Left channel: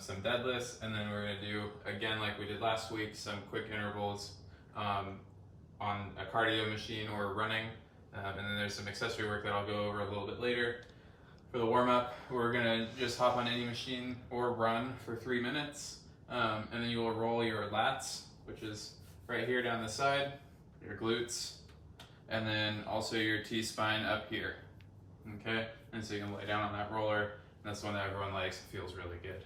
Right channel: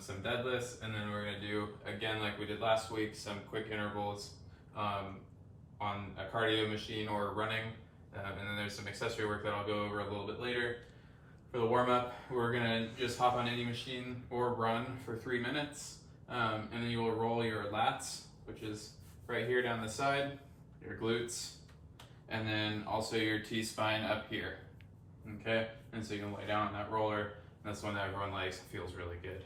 some deadlifts, and then we're gonna do, again, like we did last week, some quick intervals on a cardio machine or running. And then there's some accessory work that I'll go over a little bit later. For the warm-up, we're gonna just hop on any machine or run for 3 minutes. And then you will roll your lats, which is right here down the side, your glutes, and then also your T-spine up here, okay? And so you can lay down on that roller. That's when everyone likes, it feels really good.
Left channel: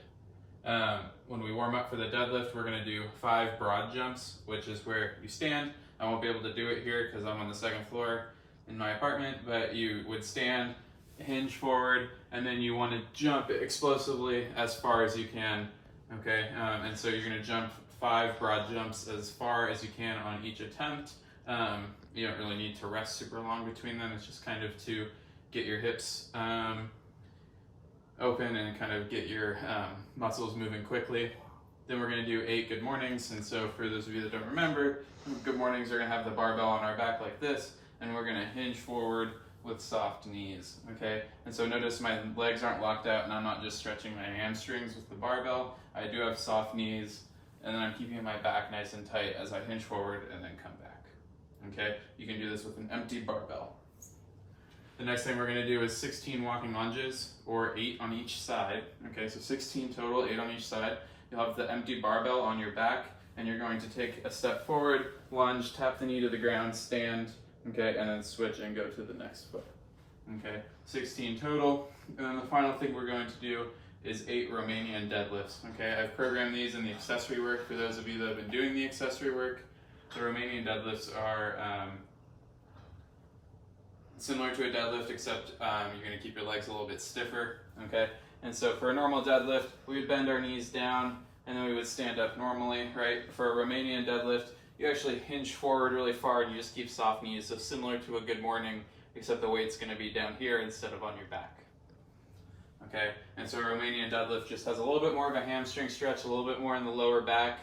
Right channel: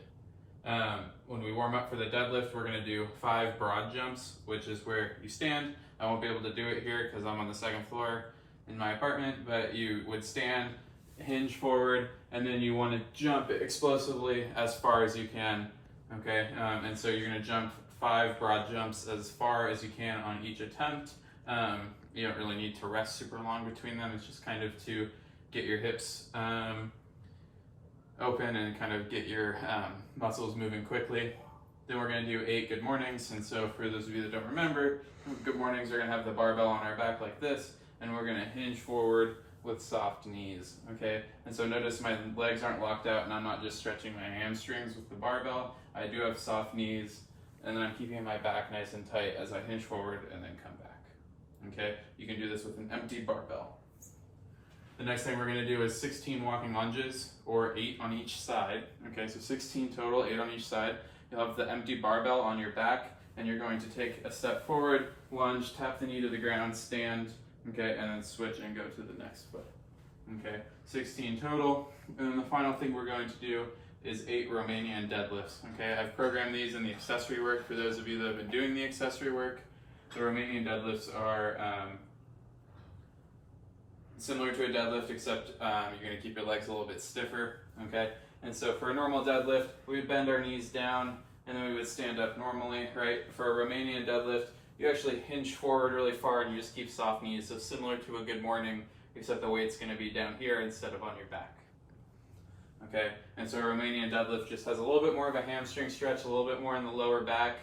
When we warm up for the deadlift, we're gonna do 5 broad jumps, which is where you stand. I won't be able to do it here because I'm on the 2nd floor in my apartment, but you would stand, hinge forward, and then you wanna jump explosively as far as you can, okay? And so you're gonna jump 5 broad jumps as far as you can on each attempt. You don't really need to rest super long between them. It's just kind of to get your hips open and kind of get your muscles moving quickly. Then we're gonna do 8 good mornings. And so for those of you that don't remember, good mornings are gonna have the barbell on our back like this, and we're gonna hinge forward with soft knees, okay? And so notice my legs aren't locked out and I'm not just stretching my hamstrings with the barbell. I do have soft knees, and then I'm keeping my back nice and tight as I hinge forward and then come back, okay? You can do this with an empty barbell. The next thing we're gonna do is 16 walking lunges, or 8 on each side, okay? So 16 total, 8 on each side. You'll have the empty barbell on your back, and you're going to take a step forward, lunge, tap the knee to the ground, stand, okay, and then switch and go to the next foot, okay? 16 total. And then the final thing we're going to do is 8 Romanian deadlifts, okay? I've programmed these in the accessory work for those of you that have been doing the accessory work. The Romanian deadlifts are similar to a deadlift, except you're gonna keep your legs a little bit stiffer, okay? And so for a normal deadlift, we would bend our knees down and then we would stand up normally, right? For a Romanian deadlift, you actually hinge forward really far and you just keep soft knees. So similar to a good morning, except the weight's gonna be down here instead of on your back, okay? And so a Romanian deadlift just has a little bit more of a hamstring stretch, a little bit more in the lower back,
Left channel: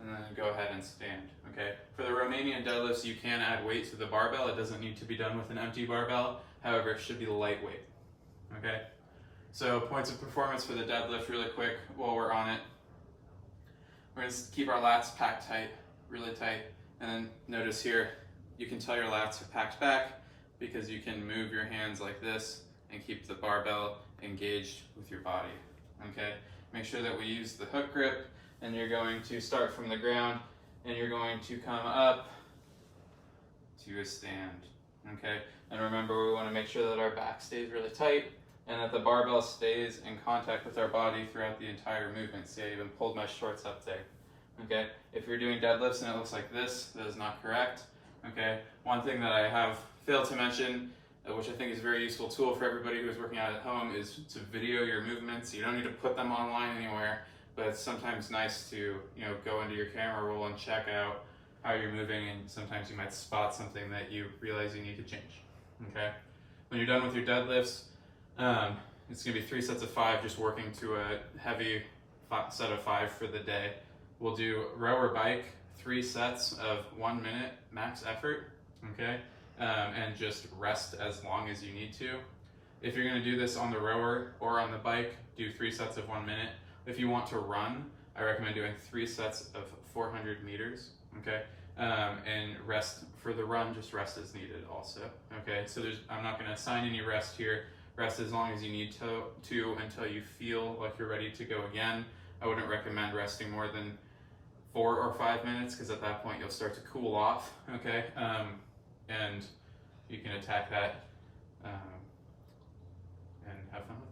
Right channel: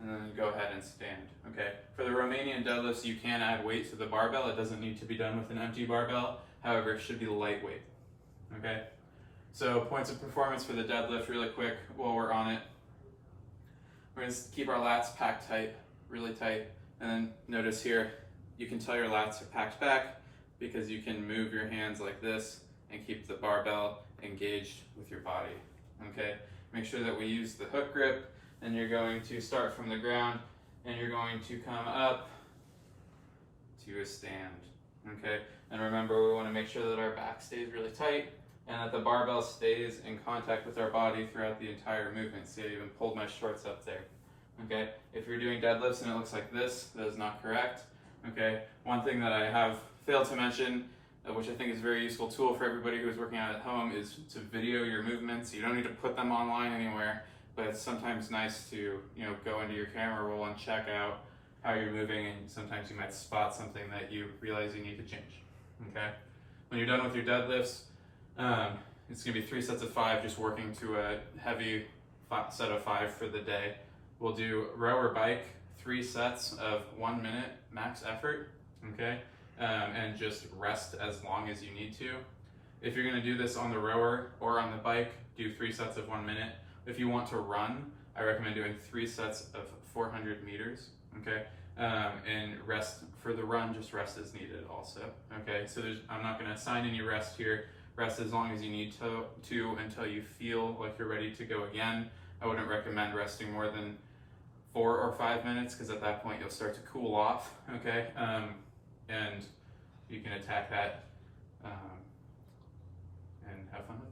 and then go ahead and stand, okay? For the Romanian deadlifts, you can add weight to the barbell. It doesn't need to be done with an empty barbell. However, it should be lightweight, okay? So points of performance for the deadlift really quick while we're on it. We're gonna keep our lats packed tight, really tight. And then notice here, you can tell your lats are packed back because you can move your hands like this and keep the barbell engaged with your body, okay? Make sure that we use the hook grip, and you're going to start from the ground and you're going to come up to a stand, okay? And remember, we wanna make sure that our back stays really tight and that the barbell stays in contact with our body throughout the entire movement. See, I even pulled my shorts up there, okay? If you're doing deadlifts and it looks like this, that is not correct, okay? One thing that I have failed to mention, which I think is a very useful tool for everybody who is working out at home, is to video your movements. You don't need to put them online anywhere, but it's sometimes nice to, go into your camera roll and check out how you're moving, and sometimes you might spot something that you realize you need to change, okay? When you're done with your deadlifts, it's gonna be 3 sets of 5, just working to a heavy set of 5 for the day. We'll do row or bike, 3 sets of 1 minute max effort, okay? And just rest as long as you need to. If you're gonna do this on the rower or on the bike, do 3 sets of 1 minute. If you want to run, I recommend doing 3 sets of 400 meters, okay? And rest for the run, just rest as needed also, okay? So I'm not gonna assign any rest here. Rest as long as you need to until you feel like you're ready to go again. I wouldn't recommend resting more than 4 or 5 minutes, because at that point you'll start to cool off, okay? And you can attack that and have fun with it.